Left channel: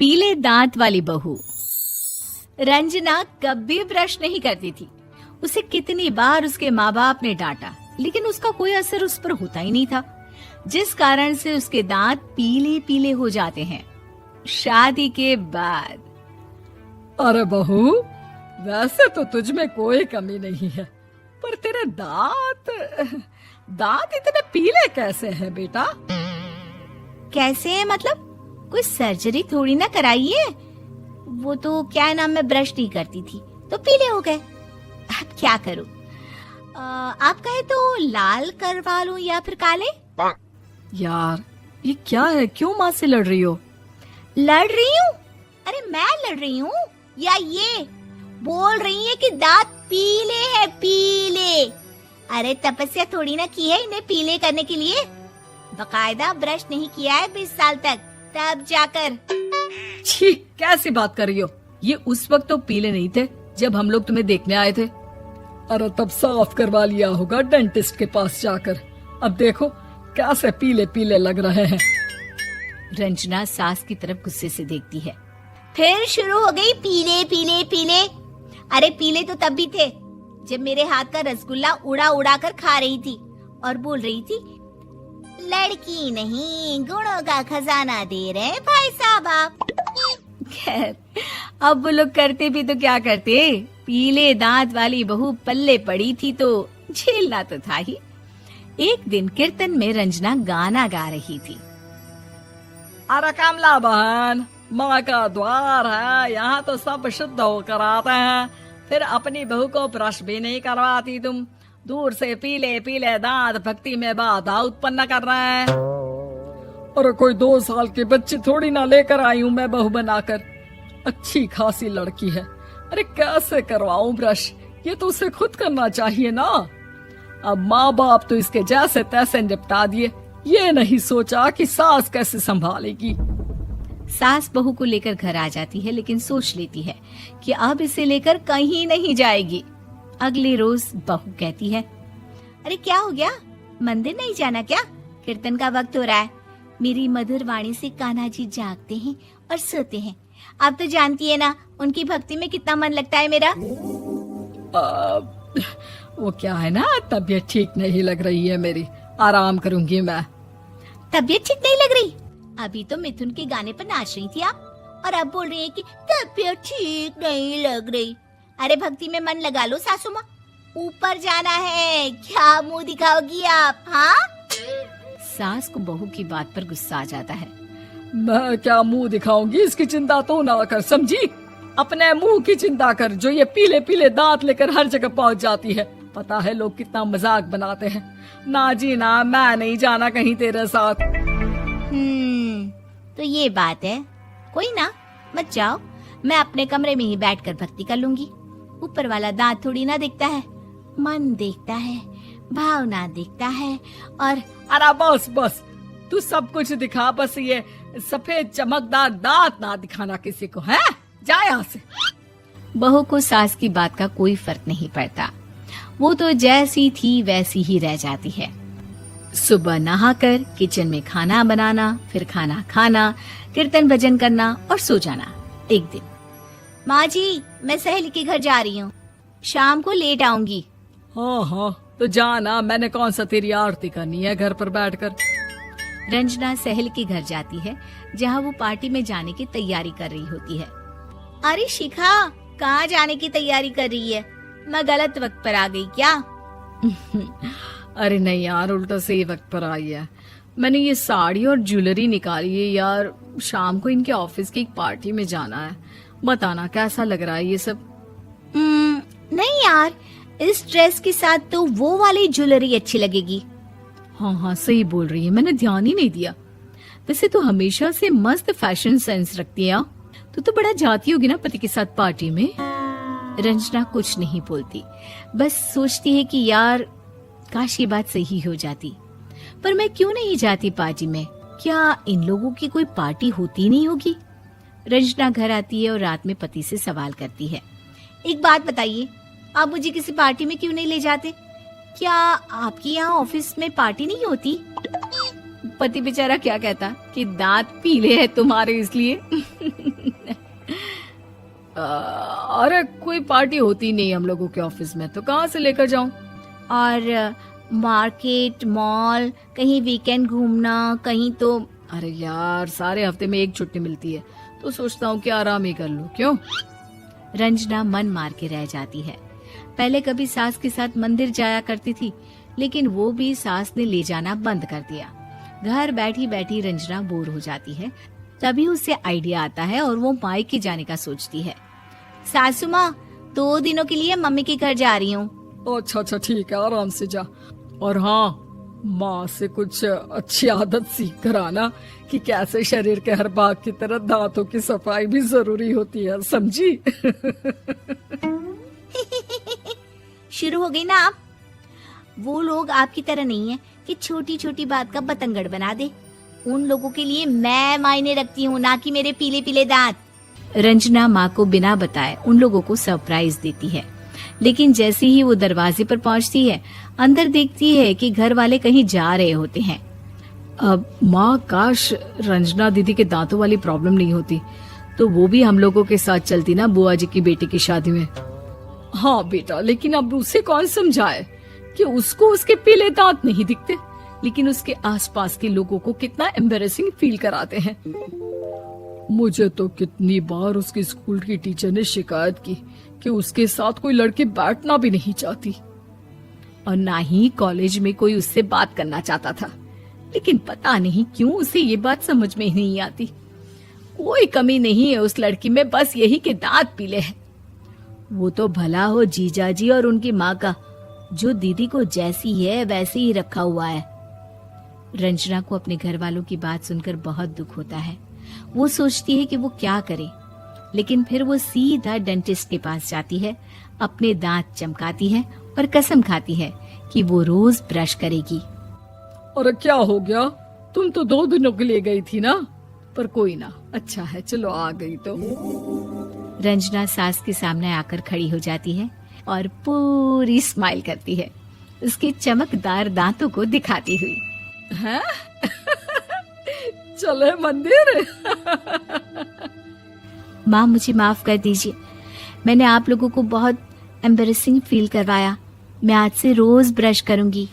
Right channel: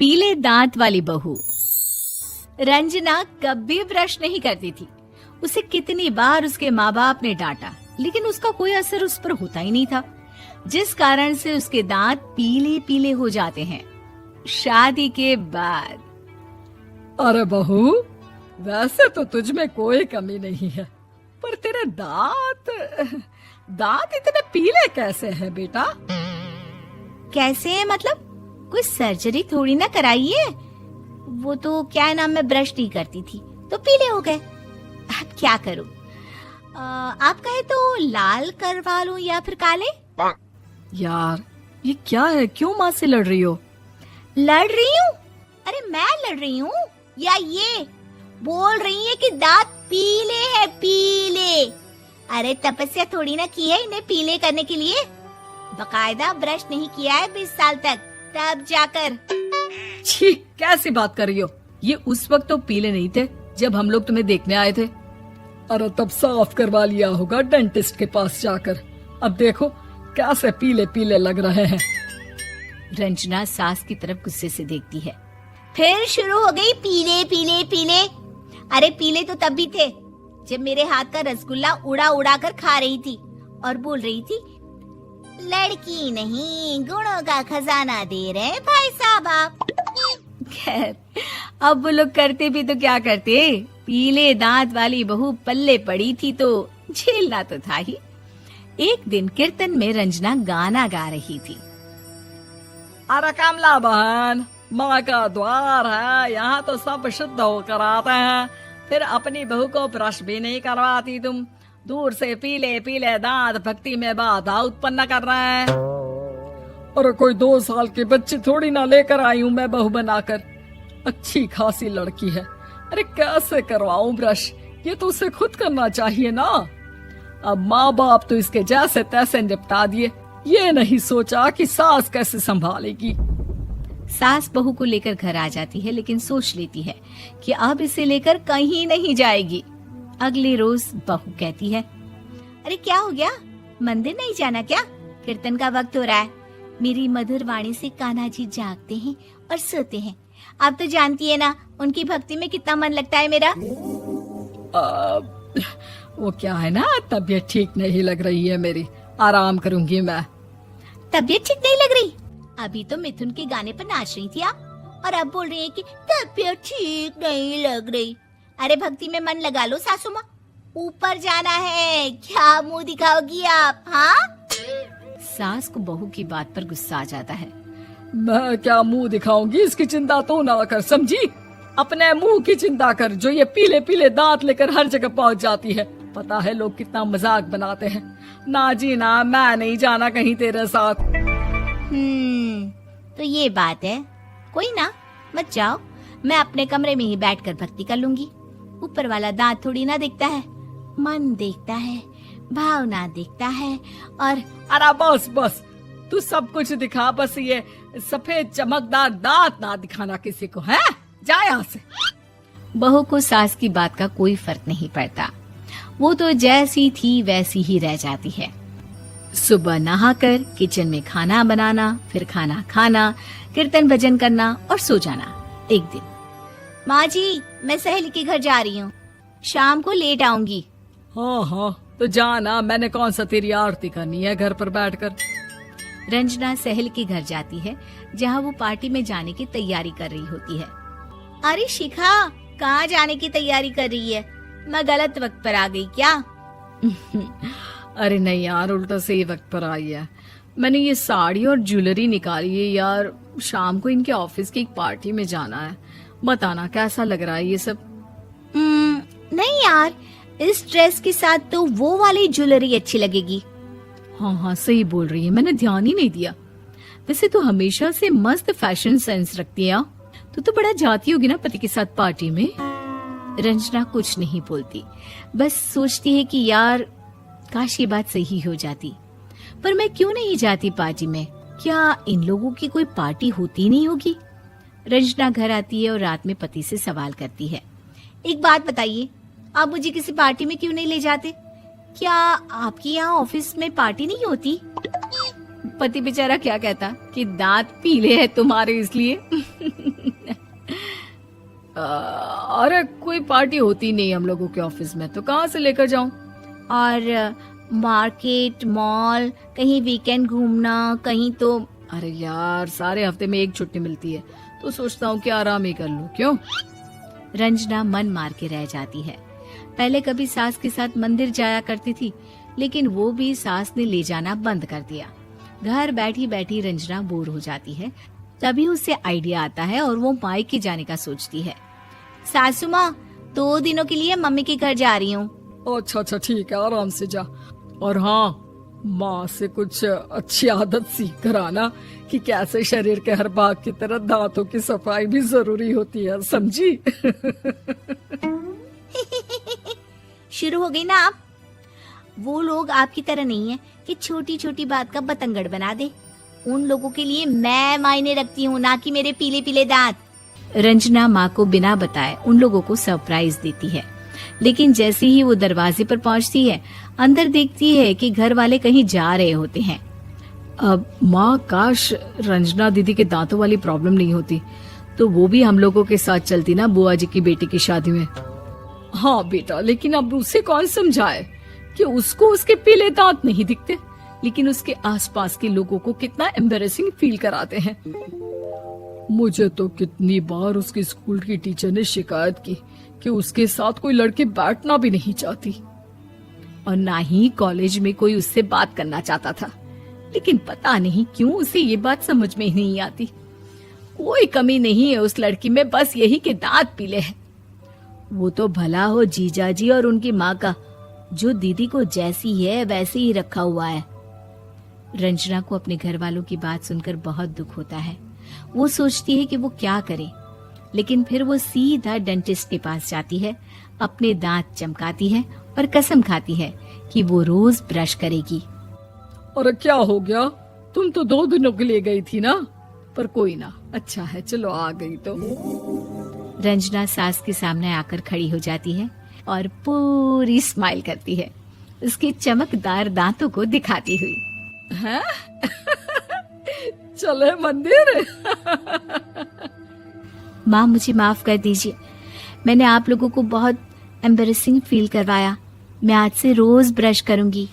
पीले दांत वाली बहू। रंजना कभी ब्रश नहीं करती थी। उसे कितनी बार उसके माँ बाप ने डांटा, लेकिन उसका कोई असर उस पर होता ही नहीं था, जिस कारण से उसके दांत पीले पीले हो जाते हैं। शादी के बाद। अरे बहू, वैसे तो तुझ में कोई कमी नहीं है, पर तेरे दांत इतने पीले कैसे हैं बेटा? कैसे मतलब? कोई सर्जरी थोड़ी ना कराई है। वो तो क्या नाम, मैं ब्रश नहीं करती थी तो पीले हो गए। अब क्या करूं? आप कहें तो लाल करवा लूं या फिर काले? यार ये क्या है, क्यों माँ से लड़ रही हो? लड़ रही हूँ? अरे मैं लड़ रही हूँ या ये बोल रही है कि दांत पीले हैं, पीले। अरे तपस्या थोड़ी ना की है इन्हें पीले करने के लिए। बकायदा ब्रश नहीं किया है 20 साल तक, तब जाकर। छी, कैसी बात कर रही हो? ये उस वक्त तो पीले नहीं थे जब हम लोग तुम्हें देखने आए थे। अरे तब साफ करवा लिया होगा डेंटिस्ट के पास जाकर। अब देखो कैसे पीले पीले लग रहे हैं। रंजना सास की तरफ गुस्से से देखती है। फिर शुरू हो गई पीले पीले पीले। अरे पीले तो तब भी थे जब मेरे हाथ का रसगुल्ला उड़ा उड़ा कर खा रही थी और बोल रही थी, लड़की नहीं गुणों का खजाना दे रहे भाई साहब आप। खैर, अब वो लोग करते भी तो क्या करते, पीले दांत वाली बहू पल्ले पड़ी थी तो झेलना तो था ही। एक दिन कीर्तन में रंजना गाना गा रही थी। अरे कमला बहन, माँ का द्वार है, यहाँ तो सब शुद्ध होकर आते हैं, फिर अपनी बहू को ब्रश भी नहीं करवाती तुम। दूर से पीले पीले दांत भक्ति में बाधा उत्पन्न कर रहे हैं। अरे कोई 2 साल के बच्चे थोड़ी ना लेकर आई हूँ मैं बहू बनाकर। अच्छी खासी लड़की है, अरे कैसे करवाऊं ब्रश? ये तो उसे खुद करना चाहिए ना। अब माँ बाप तो इसके जैसे तैसे निपटा दिए, ये नहीं सोचा कि सास कैसे संभालेगी। सास बहू को लेकर घर आ जाती है, लेकिन सोच लेती है कि अब इसे लेकर कहीं नहीं जाएगी। अगले रोज बहू कहती है, अरे क्या हो गया, मंदिर नहीं जाना क्या? कीर्तन का वक्त हो रहा है। मेरी मधुर वाणी से कान्हा जी जागते हैं और सोते हैं। आप तो जानती है ना उनकी भक्ति में कितना मन लगता है मेरा। वो क्या है ना, तबीयत ठीक नहीं लग रही है मेरी, आराम करूंगी मैं। तबीयत ठीक नहीं लग रही? अभी तो मिथुन के गाने पर नाच रही थी आप, और अब बोल रही है कि तबीयत ठीक नहीं लग रही। अरे भक्ति में मन लगा लो सासू माँ, ऊपर जाना है, क्या मुंह दिखाओगी आप? हाँ? सास को बहू की बात पर गुस्सा आ जाता है। मैं क्या मुंह दिखाऊंगी, इसकी चिंता तो ना कर, समझी? अपने मुंह की चिंता कर, जो ये पीले पीले दांत लेकर हर जगह पहुंच जाती है। पता है लोग कितना मजाक बनाते हैं। ना जी ना, मैं नहीं जाना कहीं तेरे साथ। तो ये बात है। कोई ना, मत जाओ, मैं अपने कमरे में ही बैठकर भक्ति कर लूंगी। ऊपर वाला दांत थोड़ी ना देखता है, मन देखता है, भावना देखता है। और अरे बस बस, तू सब कुछ दिखा, बस ये सफेद चमकदार दांत ना दिखाना किसी को, है? जा यहाँ से। बहू को सास की बात का कोई फर्क नहीं पड़ता। वो तो जैसी थी वैसी ही रह जाती है। सुबह नहाकर किचन में खाना बनाना, फिर खाना खाना, कीर्तन भजन करना और सो जाना। एक दिन, माँ जी मैं सहेली के घर जा रही हूँ, शाम को लेट आऊंगी। हाँ हाँ तो जाना, मैंने कौन सा तेरी आरती करनी है घर पर बैठकर। रंजना सहेली के घर जाती है, जहाँ वो पार्टी में जाने की तैयारी कर रही होती है। अरे शिखा, कहाँ जाने की तैयारी कर रही है? मैं गलत वक्त पर आ गई क्या? अरे नहीं यार, उल्टा सही वक्त पर आ गया। मैंने ये साड़ी और ज्वेलरी निकाली है यार, शाम को इनके ऑफिस की एक पार्टी में जाना है। बताना कैसा लग रहा है ये सब? नहीं यार, इस ड्रेस के साथ तो वो वाली ज्वेलरी अच्छी लगेगी। हाँ हाँ सही बोल रही है, मैंने ध्यान ही नहीं दिया। वैसे तो हमेशा से मस्त फैशन सेंस रखती है। तो बड़ा जाती होगी ना पति के साथ पार्टी में। रंजना कुछ नहीं बोलती, बस सोचती है कि यार काश ये बात सही हो जाती। पर मैं क्यों नहीं जाती पार्टी में? क्या इन लोगों की कोई पार्टी होती नहीं होगी? रंजना घर आती है और रात में पति से सवाल करती है, एक बात बताइए, आप मुझे किसी पार्टी में क्यों नहीं ले जाते? क्या आपकी यहाँ ऑफिस में पार्टी नहीं होती? पति बेचारा क्या कहता कि दांत पीले हैं तुम्हारे इसलिए। अरे कोई पार्टी होती नहीं हम लोगों के ऑफिस में, तो कहाँ से लेकर जाऊं? और मार्केट, मॉल, कहीं वीकेंड घूमना, कहीं तो। अरे यार सारे हफ्ते में एक छुट्टी मिलती है, तो सोचता हूँ कि आराम ही कर लूं। क्यों? रंजना मन मार के रह जाती है। पहले कभी सास के साथ मंदिर जाया करती थी, लेकिन वो भी सास ने ले जाना बंद कर दिया। घर बैठी बैठी रंजना बोर हो जाती है। तभी उसे आइडिया आता है और वो मायके जाने का सोचती है। सासू माँ, 2 दिनों के लिए मम्मी के घर जा रही हूँ। अच्छा अच्छा ठीक है, आराम से जा। और हाँ, माँ से कुछ अच्छी आदत सीख कर आना कि कैसे शरीर के हर भाग की तरह दांतों की सफाई भी जरूरी होती है, समझी? शुरू हो गई ना आप। वो लोग आपकी तरह नहीं है कि छोटी छोटी बात का बतंगड़ बना दे। उन लोगों के लिए मैं मायने रखती हूँ, ना कि मेरे पीले पीले दांत। रंजना माँ को बिना बताए उन लोगों को सरप्राइज देती है, लेकिन जैसे ही वो दरवाजे पर पहुँचती है, अंदर देखती है कि घर वाले कहीं जा रहे होते हैं। अब माँ, काश रंजना दीदी के दांतों वाली प्रॉब्लम नहीं होती, तो वो भी हम लोगों के साथ चलती ना बुआ जी की बेटी की शादी में। हाँ बेटा, लेकिन अब उसे कौन समझाए कि उसको उसके पीले दांत नहीं दिखते, लेकिन उसके आसपास के लोगों को कितना एम्बैरेसिंग फील कराते हैं। मुझे तो कितनी बार उसके स्कूल की टीचर ने शिकायत की कि उसके साथ कोई लड़की बैठना भी नहीं चाहती, और ना ही कॉलेज में कोई उससे बात करना चाहता था। लेकिन पता नहीं क्यों उसे ये बात समझ में ही नहीं आती। कोई कमी नहीं है उस लड़की में, बस यही कि दांत पीले हैं। वो तो भला हो जीजा जी और उनकी माँ का, जो दीदी को जैसी है वैसे ही रखा हुआ है। रंजना को अपने घर वालों की बात सुनकर बहुत दुख होता है। वो सोचती है कि वो क्या करे, लेकिन फिर वो सीधा डेंटिस्ट के पास जाती है, अपने दांत चमकाती है और कसम खाती है कि वो रोज ब्रश करेगी। अरे क्या हो गया? तुम तो 2 दिनों के लिए गई थी ना? पर कोई ना, अच्छा है, चलो आ गई तो। रंजना सास के सामने आकर खड़ी हो जाती है और पूरी स्माइल करती है, उसके चमकदार दांतों को दिखाती हुई। हैं? चले मंदिर? माँ, मुझे माफ कर दीजिए, मैंने आप लोगों को बहुत एम्बैरेसिंग फील करवाया। मैं आज से रोज ब्रश करूंगी।